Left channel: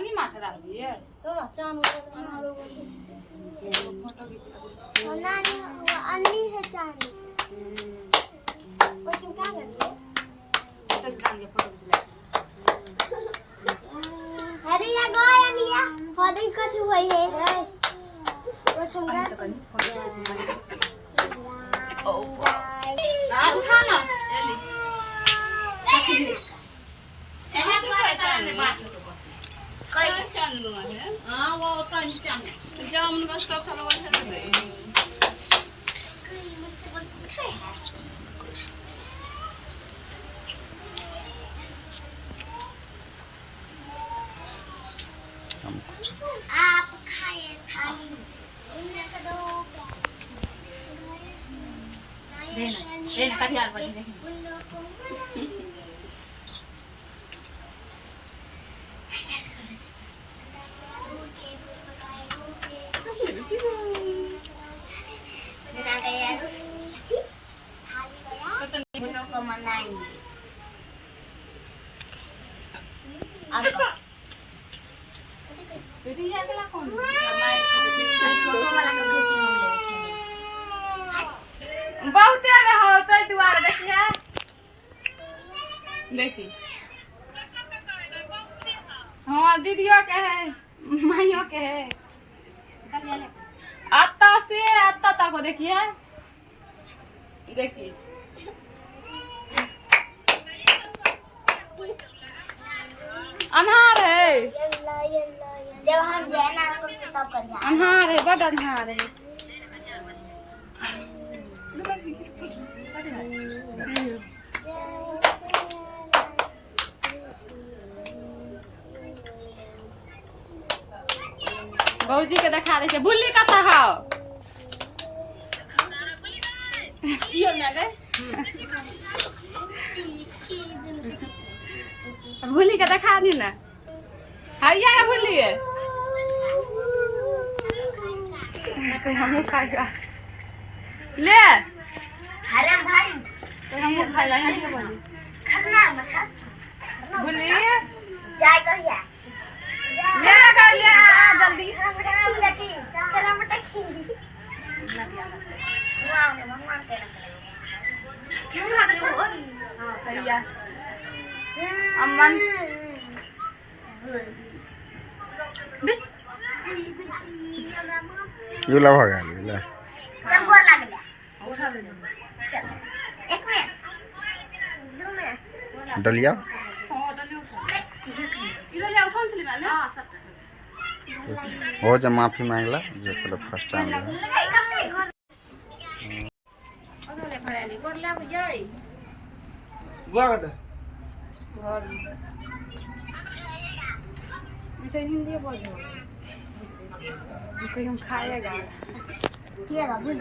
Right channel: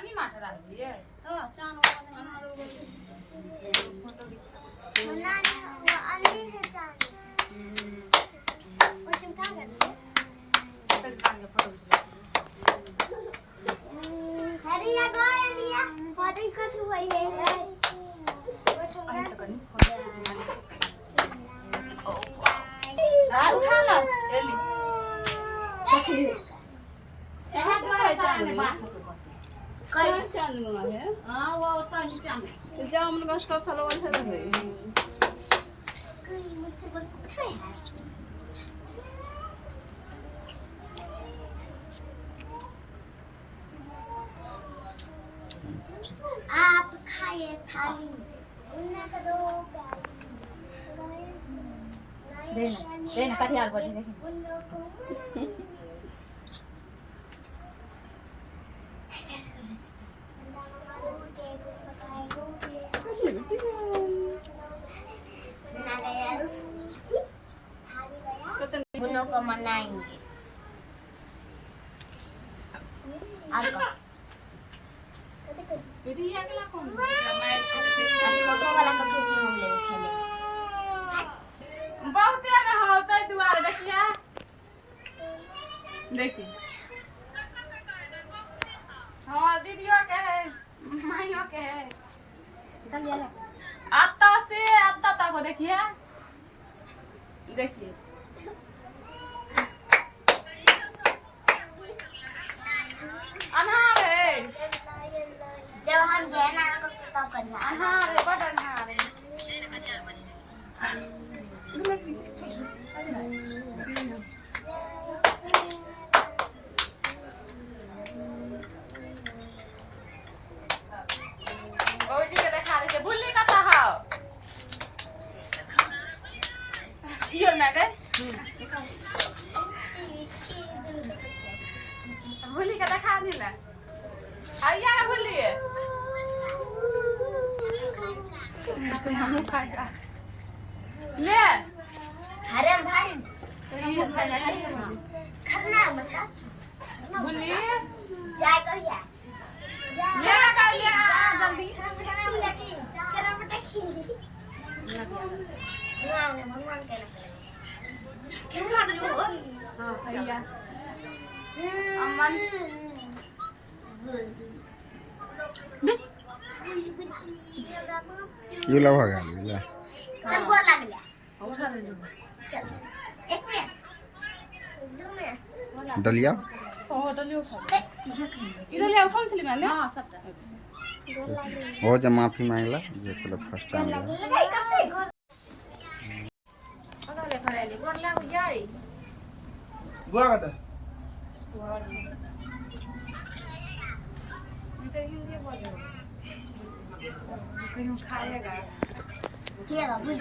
अन्नी माठ रही है तो चांद ना अन्नी है चांद और तुम क्या कर रही है अरे या गोया लिया पौधे कुछ हुई है वो तुम हां उठा लो जल्दी एहा तुम्हारे चांद बात कोई चांद में है हां वो तो नहीं चांद जामुन बस का खलो है मुझसे बोल कुछ है आप खाए थाली उन्हें तो दो देना कटियार पर देखें को मनाएंगे रिया कला कौन छोटो वाला के टीम ले खेले बहुत में होता है तुम्हारा देखिए देखी हाँ दीदियों के है माइयों के है आता से आता तक देखिए देखिए अनहार है जब हम जाए ना तब करिए अनहार है बड़ा अनहार है भौजी के देखा दे बुल्ली कता हो यो ना गए बुल्ली के देखा दी ना हैया है बुल्ली है हम खाएगा ले हरम भाई हम खाएगा खतना मत बुल्ली जाए कहिया ले कहिया जल्दी खरा मटकी खरा मटकी वाओ भगवान के रख क्यों लग रही हो हां कहिया अम्मन युला भगा युला चल गोर लग गया उठा ले चल एक मिनट दो मिनट डलिया डलियो इधर ले फोन चली मैंने हां सब हो जा माफी मांगला जो पहले फर्स्ट टाइम लगाई करते अगले घरेली गोर लागू जाई गोर मुझे हिंदी बोल दो कोई हम खाएगा किया भूल